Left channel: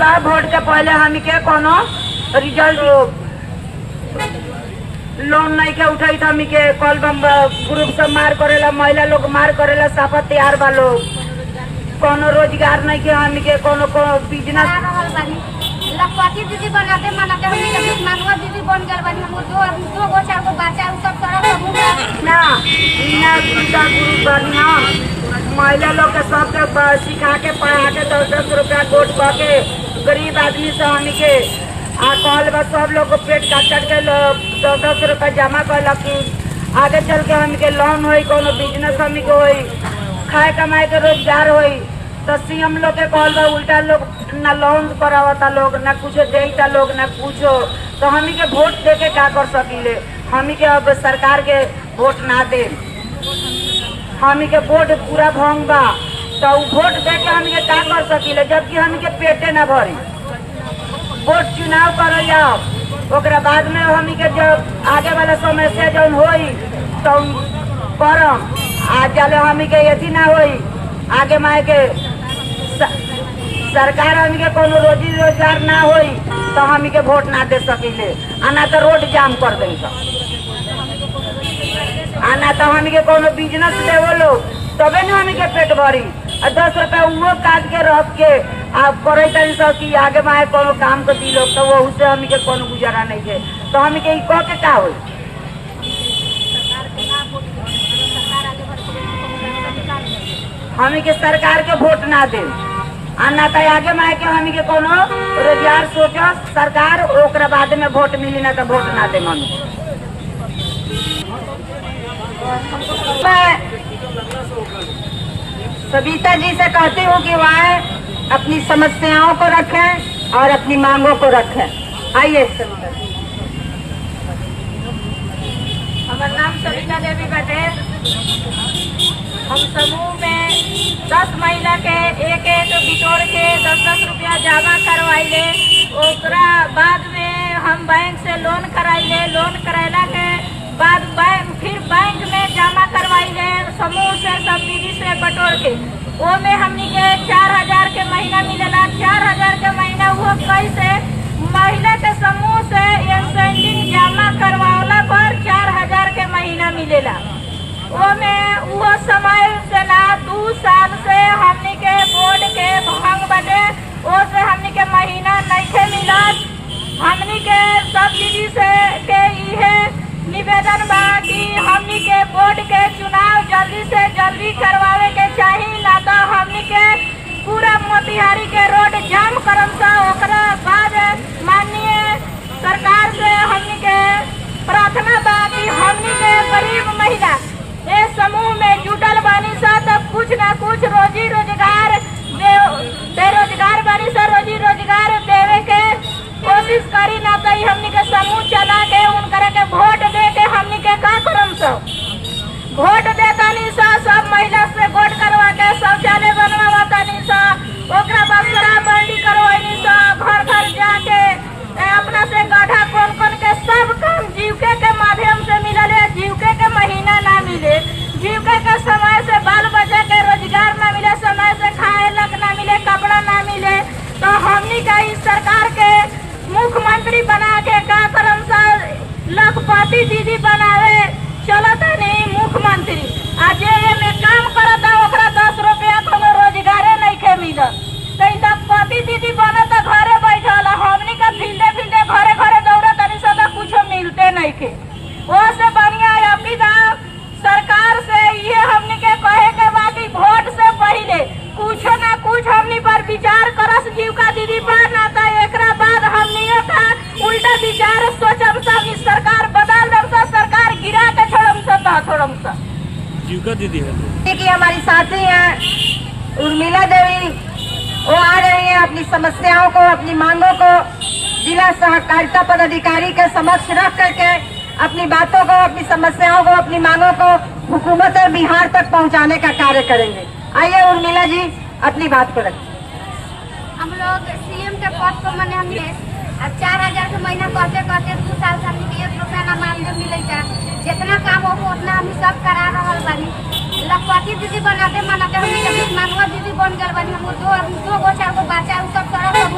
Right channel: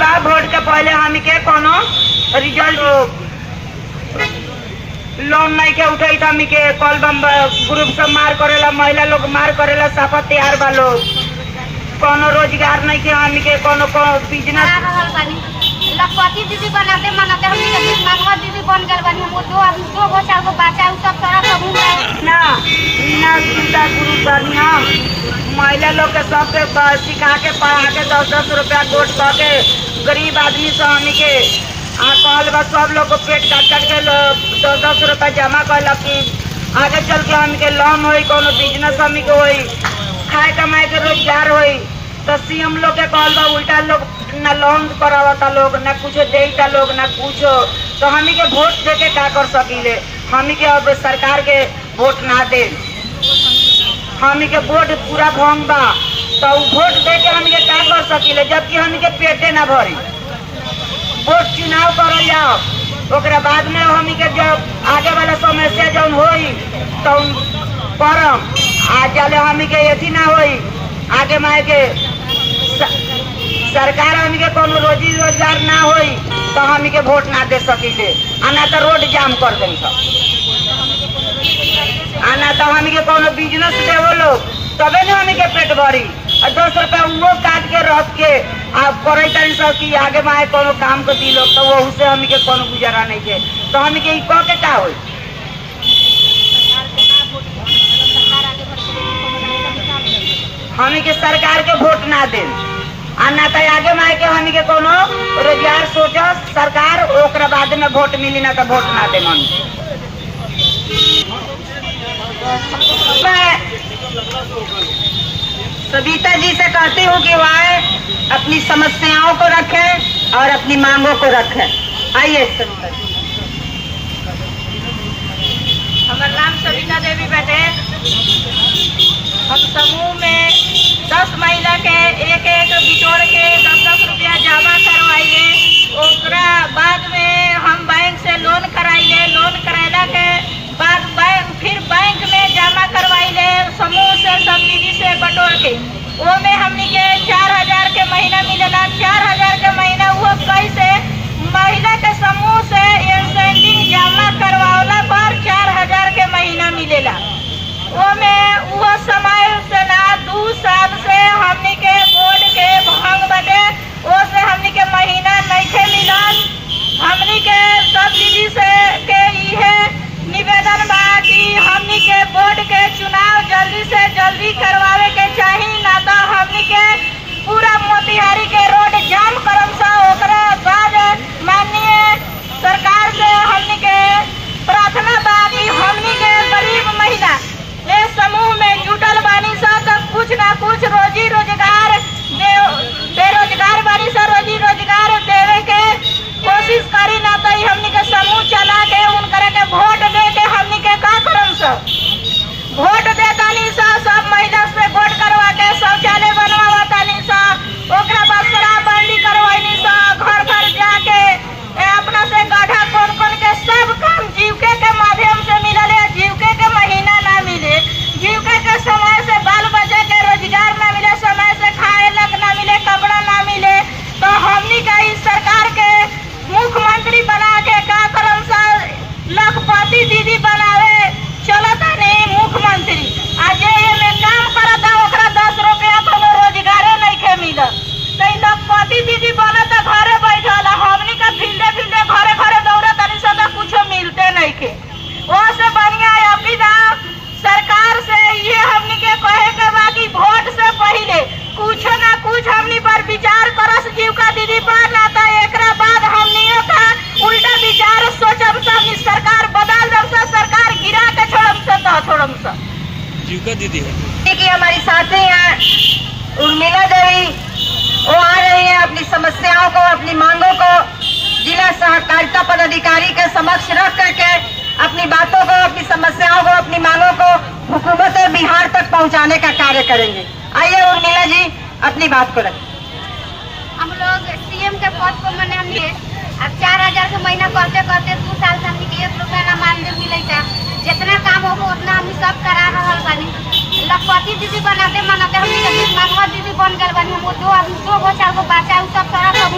बा वोट के पहले हम के कोनो रिजल्ट लोन नहीं के उठाई था हमी के कल ग्रुप सब मार करेला, महिला लोग मार करेला, साफा तैयार बा लोग, कोनो रोजगार नहीं के हमी के कोनो बिजनेस। लखपति दीदी बनाते मनाते हम मंगवा दीदी बन गए बनी हम दो गो चार गो बच्चा सब तरह सब ना ना सुविधा गुरु बढ़िया महिला लोग के सब सिखा के पढ़ा के 10-10 रुपया गोट करके गरीब आदमी सब हमी के कहल बा सब लोग को पेट काट के 10-10 रुपया जमा कर आगे चल के हम के लोन हो कोनो बिजनेस हमी के हो खाए कमाए के रोजगार हो। तो सीएम लोग के कहल बा उल्टा लोग न लोन करावता लोग न कुछ देता लोग न कुछ। तो हमी के वोट दे के का कर सकीले, हमी के अब सरकार के वोट ना दे, हमी के वोट पूरा भंग बा। तो वोट दे के हमी के का कर सकीले जबकि हमी के पेटे ना भरी। वोट चुनाव कर जाओ ओकरा बाद में हमी के जब आगे वाला समस्या जौन होई तो करम आ चले हमी के यथी ना होई आगे माए के सरकार हमी के कोनो रोजी रोजगार ना होई तो हमी के वोट ना दे सकीले। आना तो रोड जाम कर दें आना तो हमी के कोनो बिजनेस देवो लोग तबे न हमी के पेट भरी। और 10 रुपया वो काट के रख के आप करे तनी सब कि आगे माए कोनो काम के दी लोग तो वो से हमी के कोनो गुजारा नहीं है। तो हमी के कह के का होई हमी के सरकार के वोट ना दे ना तो आगे माए के हमी के कोनो रोजगार सोचा सरकार ओकरा बाद में वोट मिली ना तो वोट ना दे। सविता जी से कहती हूँ कि वह अपनी समस्याओं को रखें और अपनी मांगों को रखें। आइए सविता जी। हमारा नाम सविता देवी बाटे। हम समूह में 10 महिला के एक बिटोड़ के 10-10 रुपया जमा करवाइले। ओकरा बाद में हम बैंक से लोन कराइले। लोन कराइला के बाद फिर बैंक में जमा करवाइले समूह से सब निधि से बटोर के। वो में हमनी के 4000 के महीना मिलेला। 4000 के महीना वो कैसे महिला के समूह से इंसेंटिव जमा करवावला पर 4000 के महीना मिलेला। वो में वो समय से ना 2 साल से हमनी के बोर्ड के भंग बने वो से हमनी के महीना नहीं के मिला। हमनी के सब दीदी से के इहे निवेदन बा कि हमनी के बोर्ड के चुनाव जल्दी से जल्दी करवावे के चाहिए ना तो हमनी के पूरा मोतिहारी के रोड जाम करम सा। ओकरा बाद माननीय सरकार से हमनी के प्रार्थना बा कि हमनी के गरीब महिला ये समूह में जुटल बानी सा तो कुछ ना कुछ रोजी रोजगार बेरोजगार बानी सा रोजी रोजगार देवे के कोशिश करी ना तो हमनी के समूह चला के उनकर के वोट दे के हमनी के का करम सा वोट देतानी सा। सब महिला से वोट करवा के शौचालय बनवा तानी सा। ओकरा बाद शराबबंदी करवानी सा। घर घर जाके अपना से गड्ढा खोद के सब काम जीविका के माध्यम से मिले। जीविका के महीना ना मिले, जीविका के समय से बाल बच्चा के रोजगार ना मिले, समय से खाए लग ना मिले, कपड़ा ना मिले। तो हमनी का इस सरकार के मुख्यमंत्री बना के का करम सा लखपति दीदी बनावे चलता नहीं मुख्यमंत्री आज में काम करता ओकरा 10 रुपया तो रोजगारे नहीं के मिलत। तो लखपति दीदी बनत घरे बैठल हमनी का फील्डे फील्डे घरे घरे दौड़त तनी सदा कुछ मिलते नहीं के। वो से बढ़िया अपिदा सरकार से ये हमनी के कहे के बाकी वोट से पहले कुछ ना कुछ हमनी पर विचार करस जीविका दीदी पर ना तो एकरा बाद हमनियों का उल्टा विचार सोचम सा सरकार बदल दम सा सरकार गिरा के छोड़म सा जीविका दीदी है कि हमारी साथी हैं उर्मिला देवी वो आ रही हैं अपनी समस्याओं को अपनी मांगों को जिला सहकारिता पदाधिकारी के समक्ष रख करके अपनी बातों को अपनी समस्याओं को अपनी मांगों को हुकूमत और बिहार तक पहुंचाने का कार्य करेंगे। आइए उर्मिला जी अपनी बात को रखें। हम लोग सीएम के पद पर मने हमने अब 4000 के महीना करते करते 2 साल से हमने 1 रुपया ना मानदेय मिलेगा। जितना काम हो उतना हम सब करा रहल बानी। लखपति दीदी बनाते मनाते हमने मंगवा दीदी बन गए बनी। हम दो गो चार गो बच्चा सब तरह सब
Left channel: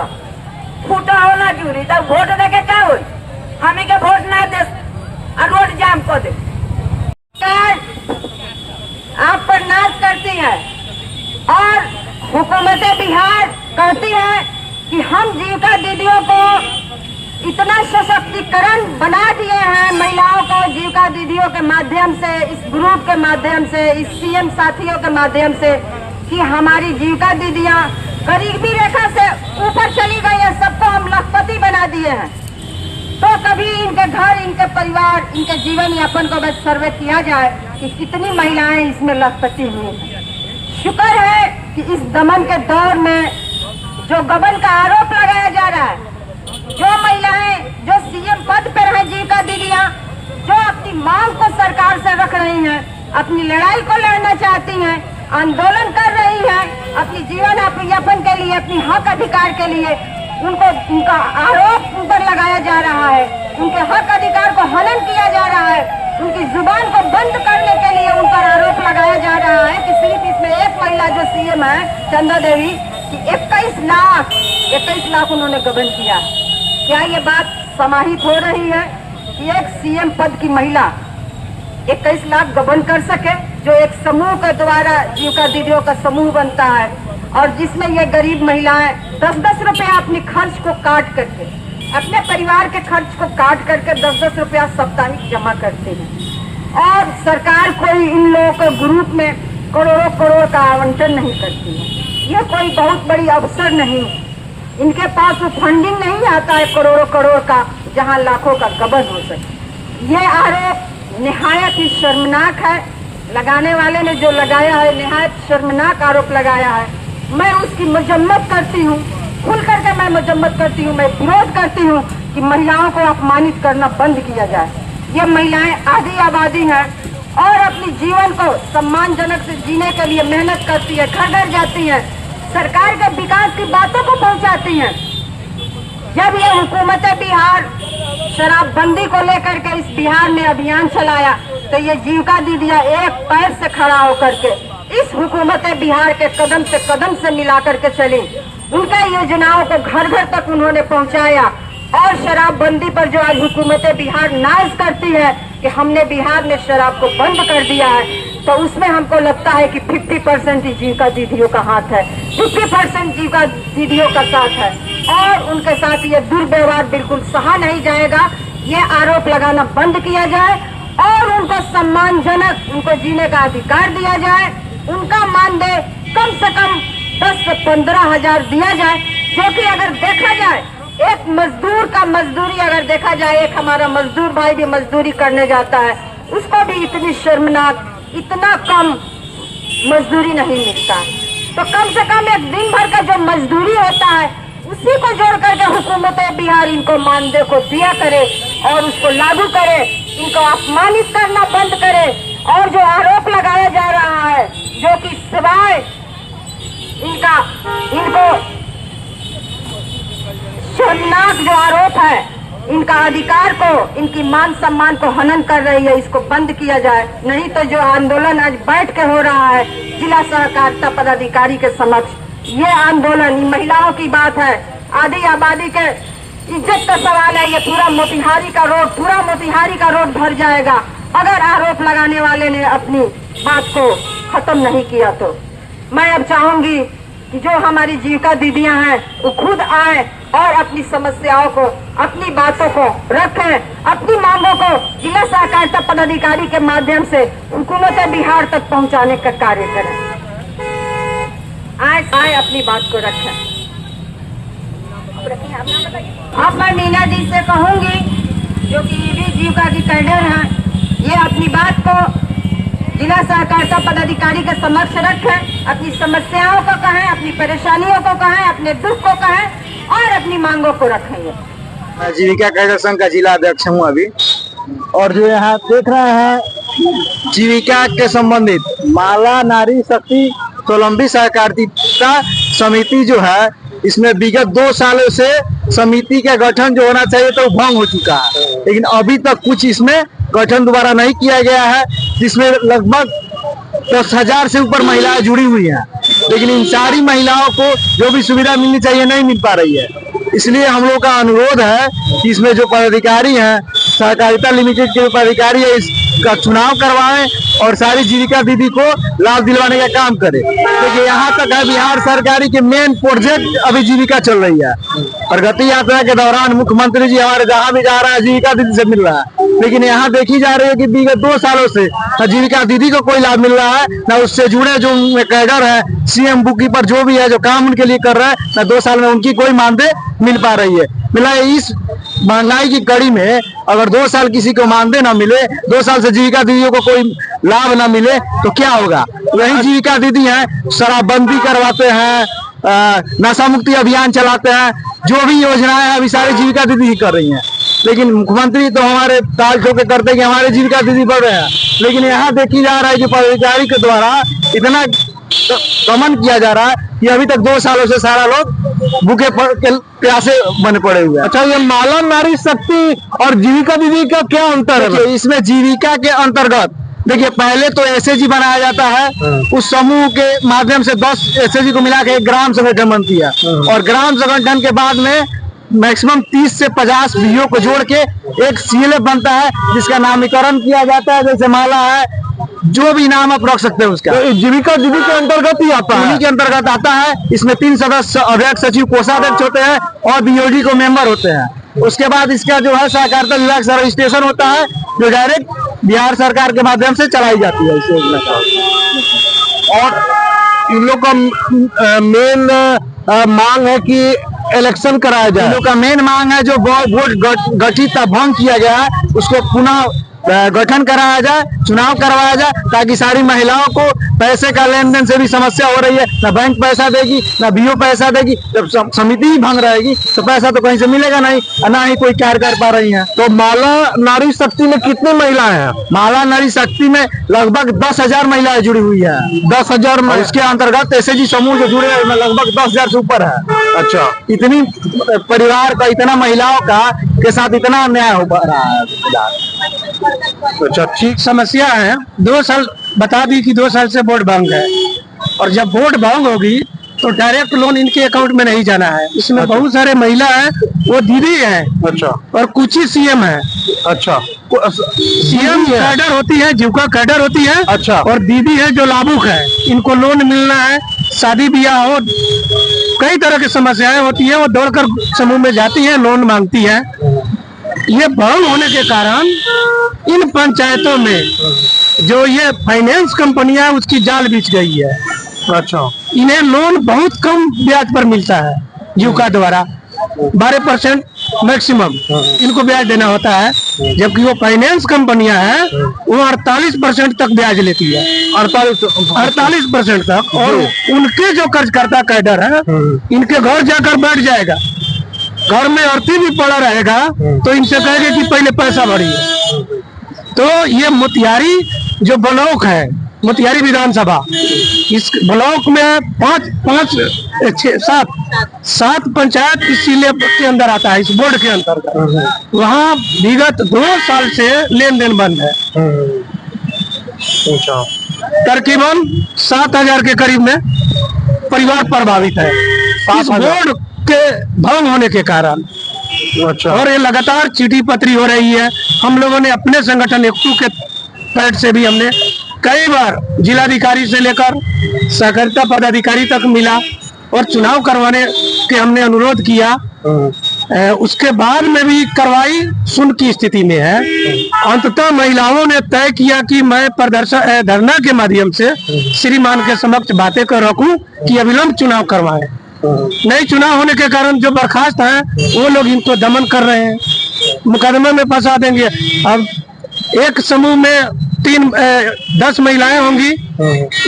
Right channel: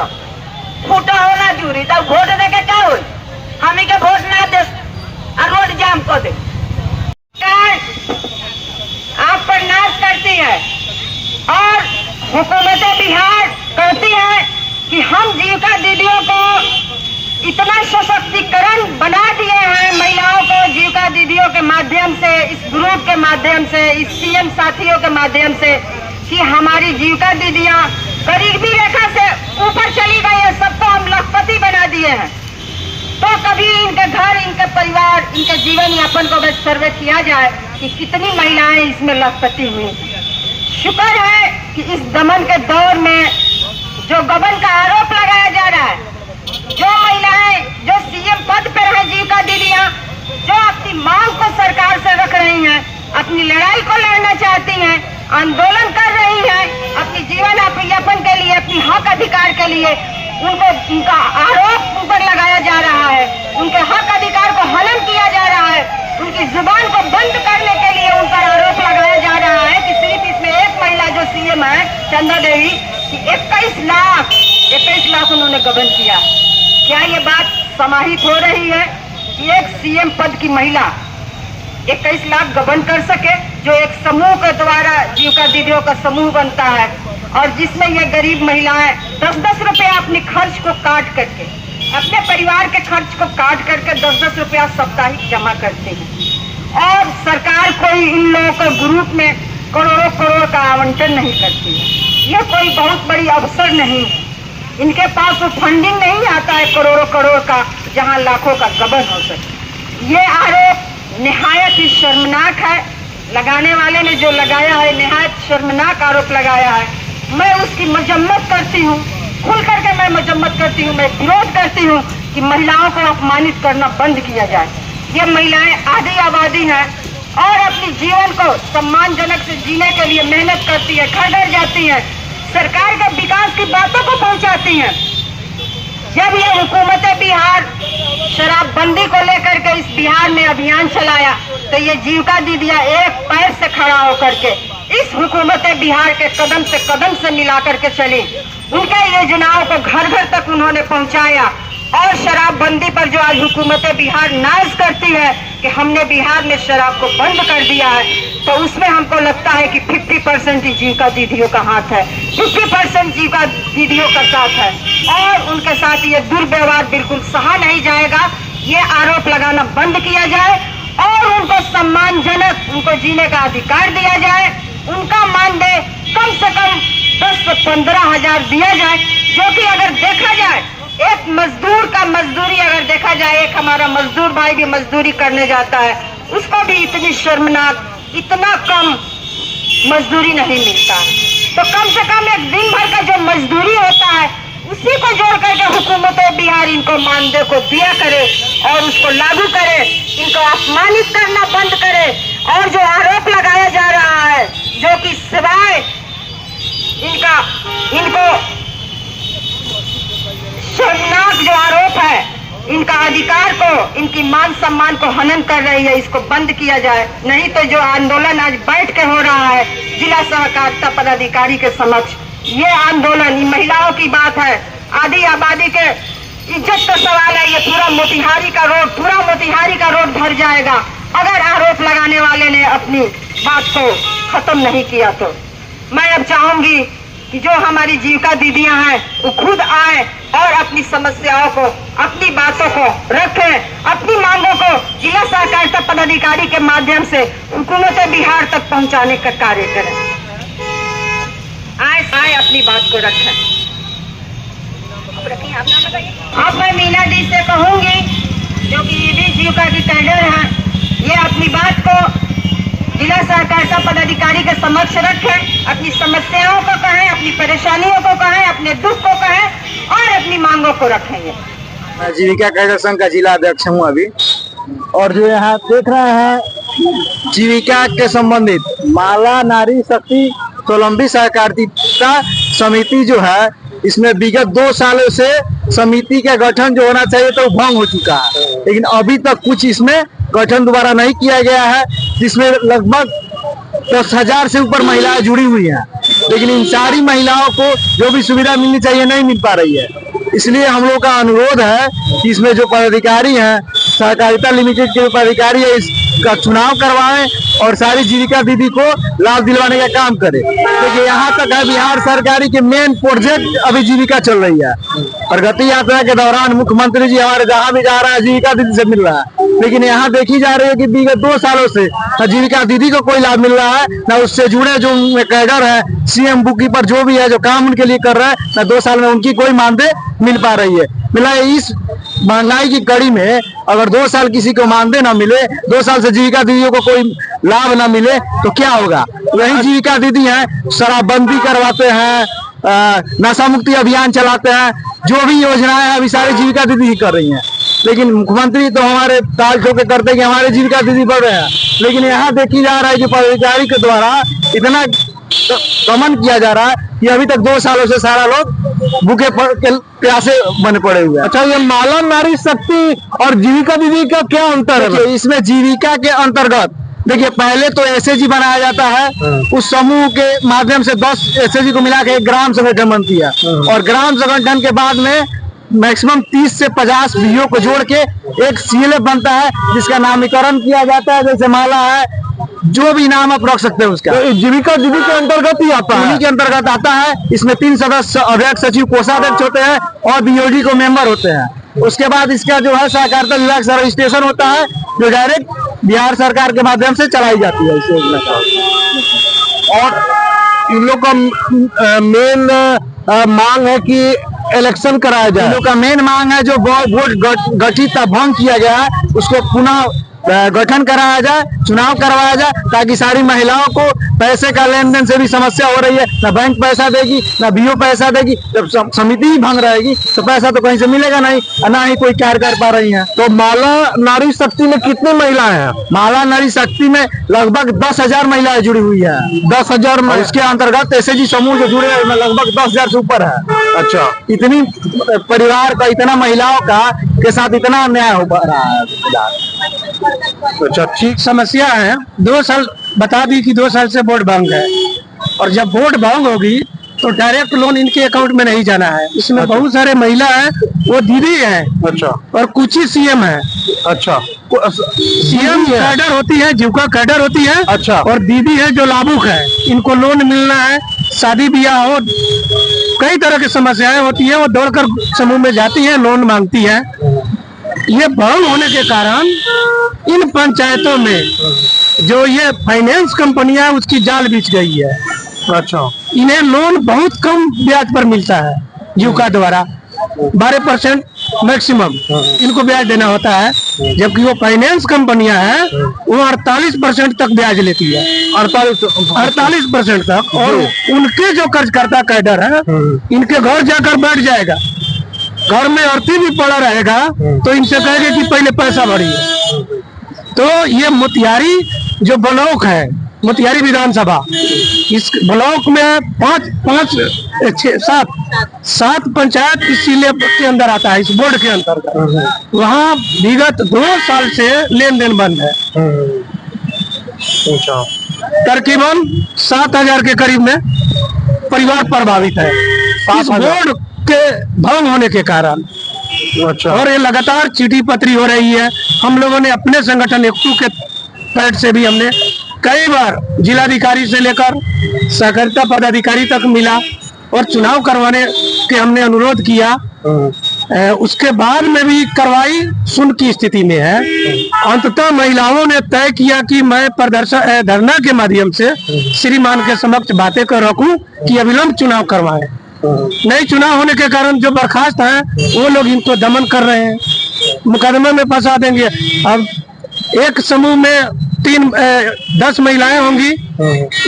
बोलो फूटा होना जूरी तब वोट दे के क्या हो हमें के वोट ना दे रोड जाम कर दे आप पर नाश करती है और हुकूमत बिहार कहती है कि हम जीविका दीदियों को इतना सशक्तिकरण बना दिए हैं महिलाओं को जीविका दीदियों के माध्यम से इस ग्रुप के माध्यम से इस सीएम साथियों के माध्यम से कि हमारी जीविका दीदियां गरीबी रेखा से ऊपर चली गई है। सबको हम लखपति बना दिए हैं। तो कभी इनके घर इनके परिवार इनके जीवन यापन को बस सर्वे किया जाए कि कितनी महिलाएं इसमें लखपति हुई। शुक्र है कि इस दमन के दौर में जो गबन का आरोप लगाया जा रहा है, जो महिलाएं जो सीएम पद पर है जीविका दीदियां जो अपनी मांग को सरकार से रख रही हैं, अपनी लड़ाई को लड़ना चाहती हैं, आंदोलन कर रही हैं अपनी जीवन यापन के लिए अपनी हक अधिकार के लिए, उनका आरोप उन पर लगाया जा रहा है। उनके हक अधिकार को हनन किया जा रहा है। उनकी जुबान को बंद करने के लिए उन पर आरोप लगाया जा रहा है कि सिर्फ इसमें एक महिला जो सीएम है चंदा देवी कि 21 लाख उन्होंने गबन किया। क्या ये बात समाहित हो रही है कि एक सीएम पद की महिला 21 लाख गबन कर सके, जो एक समूह के द्वारा जीविका दीदियों का समूह बनता है और जिसमें ये गरीब महिलाएं 10-10 रुपया अपने खर्च को काट करके अपने परिवार के खर्च को काट करके 10-10 रुपया साप्ताहिक जमा करते हैं और सरकार कोई इन लोगों के ग्रुप में करोड़ों करोड़ का आवंटन नहीं करती। ये कोई बहुत बड़ी अवसर नहीं, इनके पास वो फंडिंग नहीं आता है करोड़ों करोड़ का जहां लाखों का गबन हो सके। ये आरोप निहायत ही शर्मनाक है। लगाने वाले ने जो लगाया है निहायत शर्मनाक आरोप लगाया है। मैं उसकी मजम्मत करती हूँ, खुल करके मैं मजम्मत करती हूँ, मैं विरोध करती हूँ कि महिलाओं को अपमानित करना बंद किया जाए। ये महिलाएं आधी आबादी हैं और अपनी जीवन को सम्मानजनक से जीने के लिए मेहनत करती है, घर घर जाती है, सरकार के विकास की बातों को पहुंचाती हैं। जब ये हुकूमत बिहार शराबबंदी को लेकर के इस बिहार में अभियान चलाया तो ये जीविका दीदियां एक पैर से खड़ा होकर के इस हुकूमत बिहार के कदम से मिला करके चली। उनके योजनाओं को घर घर तक उन्होंने पहुंचाया और शराबबंदी पर जो आज हुकूमत बिहार नाज करती है कि हमने बिहार में शराब को बंद कर दिया है, तो उसमें हमको लगता है कि 50% ही जीविका दीदियों का हाथ है, 50% जीविका दीदियों का साथ है और उनके साथ ये दुर्व्यवहार बिल्कुल सहा नहीं जाएगा। ये आरोप लगाना बंद किया जाए और उनको सम्मानजनक उनको जीने का अधिकार दिया जाए। उनका मानदेय कम से कम 10 से 15 हजार दिया जाए, जो कि अगर देखा जाए एक मजदूर का मजदूरी अगर देखा जाए, एक हमारा मजदूर भाई भी मजदूरी करने जाता है, उसको भी इतनी शर्मनाक इतना कम मजदूरी नहीं मिलता है। तो कम से कम एक दिन भर का जो मजदूरी होता है उसी को जोड़ करके हुकूमत बिहार इनको मानदेय को दिया करे और उसको लागू करे, इनको अपमानित करना बंद करे। और जो आरोप लगाया जा रहा है जो कि सिवाय इनको शर्मनाक जो आरोप है, इनका अधिकार को इनकी मान सम्मान को हनन कर रही है, इसको बंद किया जाए। नहीं तो जो आंदोलन आज बैठ के हो रहा है जिला सहकारिता पदाधिकारी के समक्ष, ये आंदोलन ये महिलाओं की बात है, आधी आबादी के इज्जत का सवाल है। ये पूरा मोतिहारी का रोड भर जाएगा अगर आरोप लगाने वाले ने अपनी बात को खत्म नहीं किया। तो मैं अब चाहूंगी कि जो हमारी जीविका दीदियां हैं वो खुद आए और अपनी समस्याओं को अपनी बातों को रखें, अपनी मांगों को जिला सहकारिता पदाधिकारी के माध्यम से हुकूमत बिहार तक पहुंचाने का कार्य करें। आए अपनी बात को रखें। अब मैं मीना दी से कहूंगी जो कि ये भी जीविका की कैडर है, ये अपनी बात को जिला सहकारिता पदाधिकारी के समक्ष रखें, अपनी समस्याओं को कहें, अपनी परेशानियों को कहें, अपने दुख को कहें और अपनी मांगों को रखेंगे। मैं जीविका कैडर संघ का जिला अध्यक्ष हूँ अभी, और जो यहाँ देख रहे हैं जीविका के संबंधित माला नारी शक्ति स्वावलंबी सहकारिता समिति जो है, इसमें विगत 2 सालों से समिति का गठन जो होना चाहिए तो भंग हो चुका है, लेकिन अभी तक कुछ इसमें गठन दोबारा नहीं किया गया है, जिसमें लगभग 10,000 से ऊपर महिलाएं जुड़ी हुई हैं। लेकिन इन सारी महिलाओं को जो भी सुविधा मिलनी चाहिए नहीं मिल पा रही है। इसलिए हम लोग का अनुरोध है कि इसमें जो पदाधिकारी हैं, सहकारिता लिमिटेड के जो पदाधिकारी है, इसका चुनाव करवाएं और सारी जीविका दीदी को लाभ दिलवाने का काम करें। देखिए यहाँ तक है, बिहार सरकारी के मेन प्रोजेक्ट अभी जीविका चल रही है। प्रगति यात्रा के दौरान मुख्यमंत्री जी हमारे जहाँ भी जा रहा है जीविका दीदी से मिल रहा है, लेकिन यहाँ देखी जा रही है कि विगत 2 सालों से न जीविका दीदी को कोई लाभ मिल रहा है, न उससे जुड़े जो कैडर है, सीएम बुक कीपर जो भी है, जो काम उनके लिए कर रहा है, न 2 साल में उनकी कोई मानदेय मिल पा रही है। मिला इस महंगाई की कड़ी में अगर 2 साल किसी को मानदेय न मिले, 2 साल से जीविका दीदियों को कोई लाभ न मिले तो क्या होगा। वही जीविका दीदी हैं, शराबबंदी करवाते हैं, नशा मुक्ति अभियान चलाते हैं, जो भी योजनाएं हैं अभी सारी जीविका दीदी ही कर रही हैं। लेकिन मुख्यमंत्री तो हमारे ताल ठोके करते कि हमारे जीविका दीदी बढ़ रहे हैं, लेकिन यहाँ देखी जा रहा है कि पदाधिकारी के द्वारा इतना दमन किया जा रहा है कि अभी तक 2 सालों से सारा लोग भूखे प्यासे बने पड़े हुए हैं। अच्छा, ये माला नारी शक्ति और जीविका दीदी का क्या अंतर है? इसमें जीविका के अंतर्गत देखिए पहले तो एसएजी बनाया जाता है, उस समूह के माध्यम से 10 एसएजी को मिला के एक ग्राम संगठन बनती है, और ग्राम संगठन के बाद में मैक्सिमम 30 से 50 बीओ को जोड़ के एक सीएलएफ बनता है, जिसका नामकरण किया जाता है। जैसे माला है, जो भी नाम आप रख सकते हैं उसका, तो जीविका दीदी के अंतर्गत ही आता है। उन्हीं के अंतर्गत आता है। इसमें 3 सदस्य अध्यक्ष, सचिव, कोषाध्यक्ष होते हैं और बीओडी को मेंबर होते हैं। उसके बाद इसका जो है सहकारिता विभाग से रजिस्ट्रेशन होता है, जो डायरेक्ट बिहार सरकार के माध्यम से चलाई जाती है इस योजना का। और इन लोग का मेन मांग है कि इलेक्शन कराया जाए। इन लोग का मेन मांग है जो बोर्ड गठित भंग किया गया है उसको पुनः गठन कराया जाए, चुनाव करवाया जाए, ताकि सारी महिलाओं को पैसे का लेन देन से भी समस्या हो रही है। ना बैंक पैसा देगी, ना बीओ पैसा देगी। जब समिति ही भंग रहेगी तो पैसा तो कहीं से मिलेगा नहीं, ना ही कोई कार्य कर पा रही है। तो माला नारी शक्ति में कितनी महिलाएं हैं? माला नारी शक्ति में लगभग 10,000 महिलाएं जुड़ी हुई है। 10,000 में इसके अंतर्गत एसएजी समूह जो जुड़े हैं लगभग 10,000 से ऊपर है। अच्छा, इतनी परिवार का, इतना महिलाओं का के साथ इतना अन्याय हो रहा है। अच्छा, ठीक। समस्या है 2 साल बता दी कि 2 साल से वोट भंग है, और जब वोट भंग होगी तो डायरेक्ट लोन इनके अकाउंट में नहीं जाना है। इसमें बहुत सारे महिला हैं, वो दीदी हैं, अच्छा, और कुछ ही सीएम है। अच्छा, सीएम कैडर होती है, जीविका कैडर होती है, अच्छा, और दीदी है जो लाभुक है। इनको लोन मिलना है, शादी ब्याह हो, कई तरह की समस्याएं होती है, वो दौड़कर समूह में जाती है, लोन मांगती है। ये भंग होने के कारण इन पंचायतों में जो ये फाइनेंस कंपनियां है उसकी जाल बिछ गई है। अच्छा, इन्हें लोन बहुत कम ब्याज पर मिलता है, जीविका द्वारा 12% मैक्सिमम इनको ब्याज देना होता है, जबकि वो फाइनेंस कंपनियां हैं वो 48% तक ब्याज लेती है। 48% तक। और उनके जो कर्जकर्ता कैडर है, इनके घर जाकर बैठ जाएगा, घर में अर्थी भी पड़ा रहेगा तो इनसे कहेंगे कि पहले पैसा भरिए। तो ये मोतिहारी जो ब्लॉक है, मोतिहारी विधानसभा, इस ब्लॉक में 7 पंचायत इस जिले के अंदर आता है, इस बोर्ड के अंतर्गत। वहाँ विगत 2 साल से लेन देन बंद है। अच्छा, तकरीबन 7,000 के करीब में परिवार प्रभावित है इस बोर्ड के भंग होने के कारण। अच्छा, और ये लगातार चिट्ठी पत्री हो रही है। हम लोगों ने अपने संगठन एकटू के पैड से भी हमने कई बार जिलाधिकारी से लेकर सहकारिता पदाधिकारी तक मिला और चुनाव करवाने के हमने अनुरोध किया। उसके बाद में भी कार्रवाई सुन की स्थिति में है। अंततः महिलाओं ने तय किया कि मैं प्रदर्शन धरना के माध्यम से श्रीमान के समक्ष बातें कर रखूं कि अविलंब चुनाव करवाएं। नहीं चुनाव होने के कारण जो बर्खास्त हैं वो लोग इनको दमन कर रहे हैं, मुकदमे में फंसा देंगे। अब एक समूह में 10 महिलाएं होंगी,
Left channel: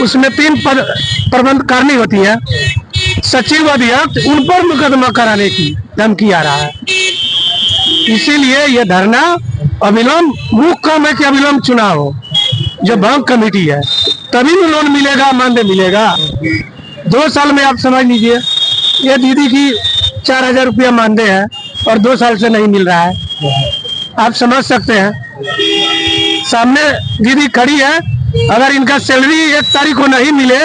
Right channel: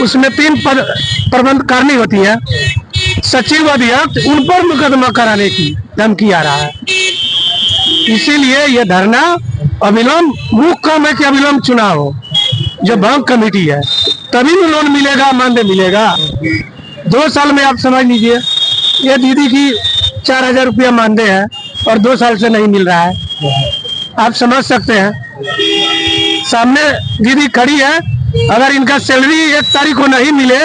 उसमें 3 प्रबंध करनी होती है, सचिव, अध्यक्ष, उन पर मुकदमा कराने की धमकी आ रहा है। इसीलिए ये धरना अविलंब, मुख्य काम है कि अविलंब चुनाव हो। जो बैंक कमेटी है तभी भी लोन मिलेगा, मानदेय मिलेगा। 2 साल में आप समझ लीजिए, ये दीदी की 4,000 रुपया मानदेय है और 2 साल से नहीं मिल रहा है। आप समझ सकते हैं, सामने दीदी खड़ी है, अगर इनका सैलरी 1 तारीख को नहीं मिले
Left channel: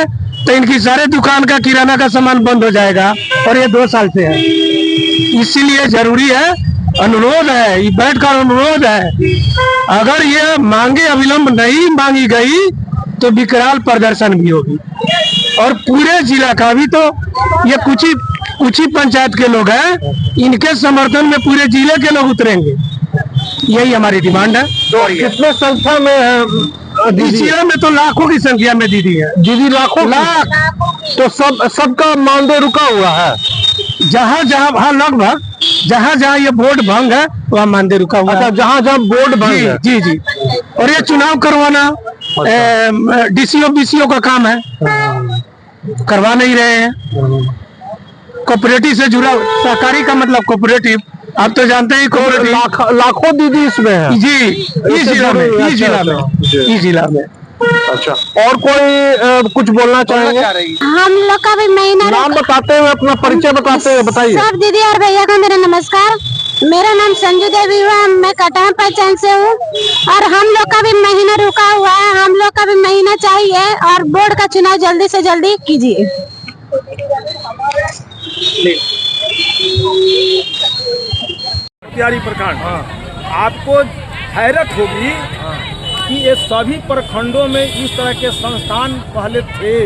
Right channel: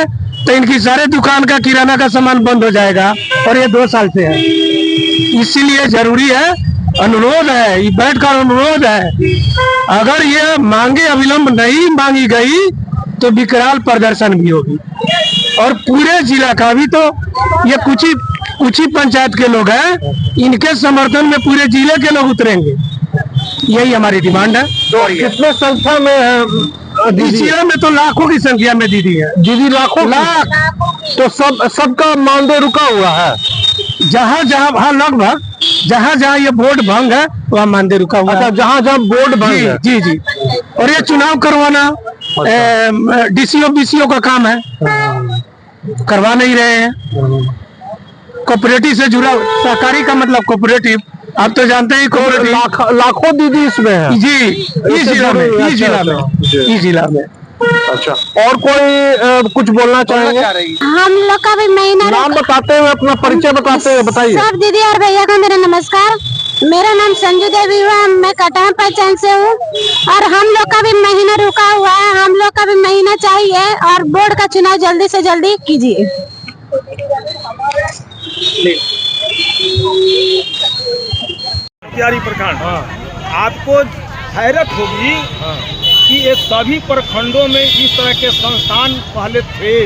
तो इनकी सारे दुकान का किराना का सामान बंद हो जाएगा, और ये 2 साल से है। इसीलिए जरूरी है, अनुरोध है, ये बैठकर अनुरोध है, अगर ये मांगे अविलंब नहीं मांगी गई तो विकराल प्रदर्शन भी होगी। और पूरे जिला का भी, तो ये कुछ ही पंचायत के लोग हैं, इनके समर्थन में पूरे जिले के लोग उतरेंगे, यही हमारी डिमांड है। कितने संख्या में है इस जिले में तो लाखों की संख्या में दीदी है। दीदी लाखों तो सबका मानदेय रुका हुआ है। जहाँ हाँ, लगभग जहाँ ये बोर्ड भंग है वहाँ मानदेय रुका हुआ है। अच्छा, जहाँ बोर्ड भंग है। जी जी। और ये चुनाव करवाना डीसीओ बीसीओ का काम है, करवा नहीं रहे हैं। कोऑपरेटिव से जुड़ा, सहकारी का मतलब कोऑपरेटिव, आप तो जानते ही कोऑपरेटिव। लाखों दीदी इसमें है जी, इस जिला में। अच्छा, और कोई कुछ बोलना चाहेंगे? हम लोग का भी महीना नाम बताते हुए, अपना परिचय बताते हुए बताइए। सब दीदी और भैया का मेरा नमस्कार। मेरा नाम संजू देवी हुआ, मैं कटान पंचायत से हूँ, और हम लोग का भी महीना रुका हुआ है। हम लोग का भी महीना चाहिए, और बोर्ड का चुनाव जल्दी से जल्दी कीजिए। मोतिहारी प्रखंड, आपको हैरत होगी कि ये सभी प्रखंडों में इस तरह के संस्थान पहले थे।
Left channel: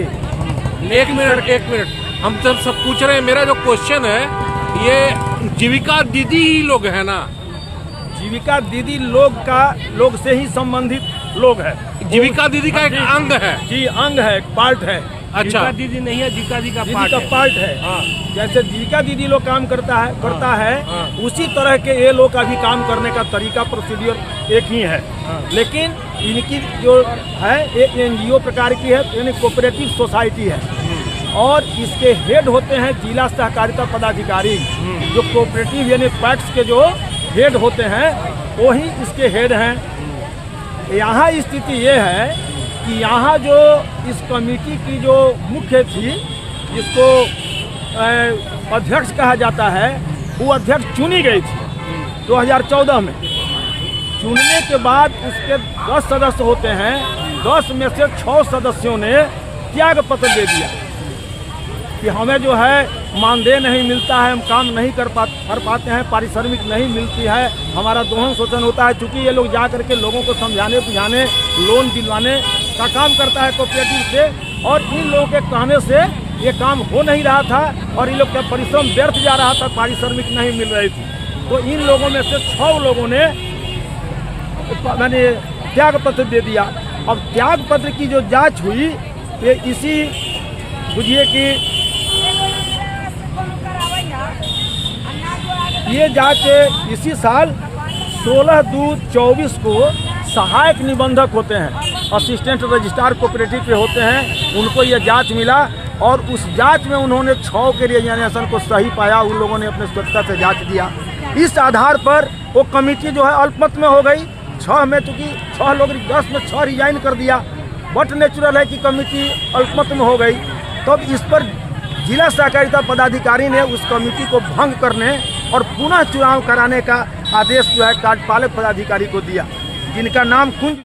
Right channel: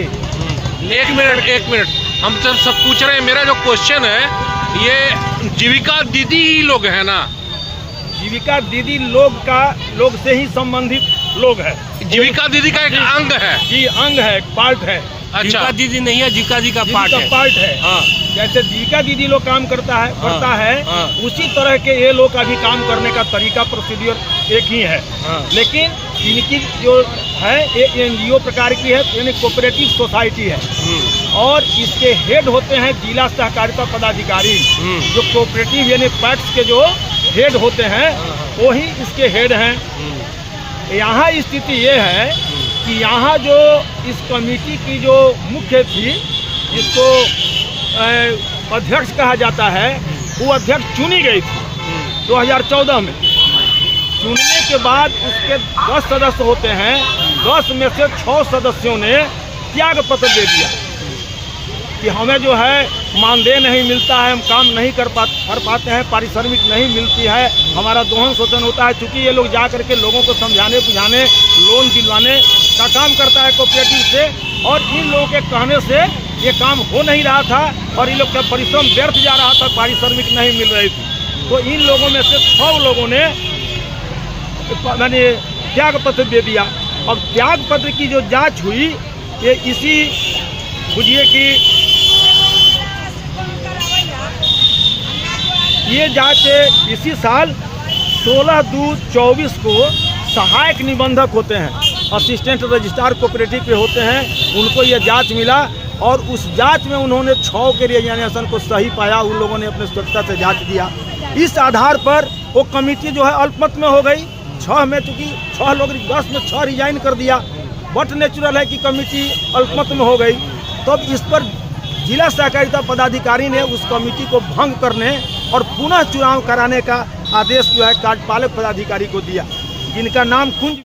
एक मिनट, हम सब पूछ रहे हैं। मेरा जो क्वेश्चन है, ये जीविका दीदी ही लोग हैं ना? जीविका दीदी लोग से ही संबंधित लोग है। जीविका दीदी का एक अंग है जी, अंग है, पार्ट है। अच्छा, दीदी नहीं है, जीविका जी का पार्ट है। हाँ। जैसे जीविका दीदी लोग काम करता है, हाँ। उसी तरह के ये लोग का भी काम करने का तरीका, प्रोसीड्यूर एक ही है। हाँ। लेकिन इनकी जो है ये एनजीओ प्रकार की है, यानी कोऑपरेटिव सोसाइटी है, और इसके हेड होते हैं जिला सहकारिता पदाधिकारी, जो कोऑपरेटिव यानी पैक्स के जो हेड होते हैं वही इसके हेड हैं। यहाँ स्थिति ये है कि यहाँ जो इस कमेटी की जो मुख्य थी, जिसको अध्यक्ष कहा जाता है, वो अध्यक्ष चुनी गई थी 2014 में। चुनने के बाद उसके 10 सदस्य होते हैं, 10 में से 6 सदस्यों ने त्याग पत्र दे दिया कि हमें जो है मानदेय नहीं मिलता है, हम काम नहीं कर पाते हैं, पारिश्रमिक नहीं मिलती है, हमारा दोहन शोषण होता है। चूँकि ये लोग जा करके लोगों को समझाने बुझाने, लोन दिलवाने का काम करता है कोऑपरेटिव से, और इन लोगों के कहने से ये काम हो नहीं रहा था, और इन लोग का परिश्रम व्यर्थ जा रहा था, पारिश्रमिक नहीं मिल रही थी। तो इन लोगों में से 6 लोगों ने मैंने त्याग पत्र दे दिया। अब त्याग पत्र की जो जांच हुई, ये इसी बुझिए कि ये जांच इसी साल 16/2/24 को सहायक निबंधक होते हैं, असिस्टेंट रजिस्ट्रार कोऑपरेटिव पे होते हैं, उनको ये जांच मिला, और उस जांच में उन्होंने 6 के रिजाइनेशन को सही पाया। उन लोगों ने अपने स्वच्छता से जांच दिया। इस आधार पर वो कमेटी जो है अल्पमत में हो गई। 6 में, चूँकि 6 लोग 10 में 6 रिजाइन कर दिया, बट नेचुरल है कि कमेटी अल्पमत में हो गई। तब इस पर जिला सहकारिता पदाधिकारी ने उस कमेटी को भंग करने और पुनः चुनाव कराने का आदेश जो है कार्यपालक पदाधिकारी को दिया, जिनका नाम कुंज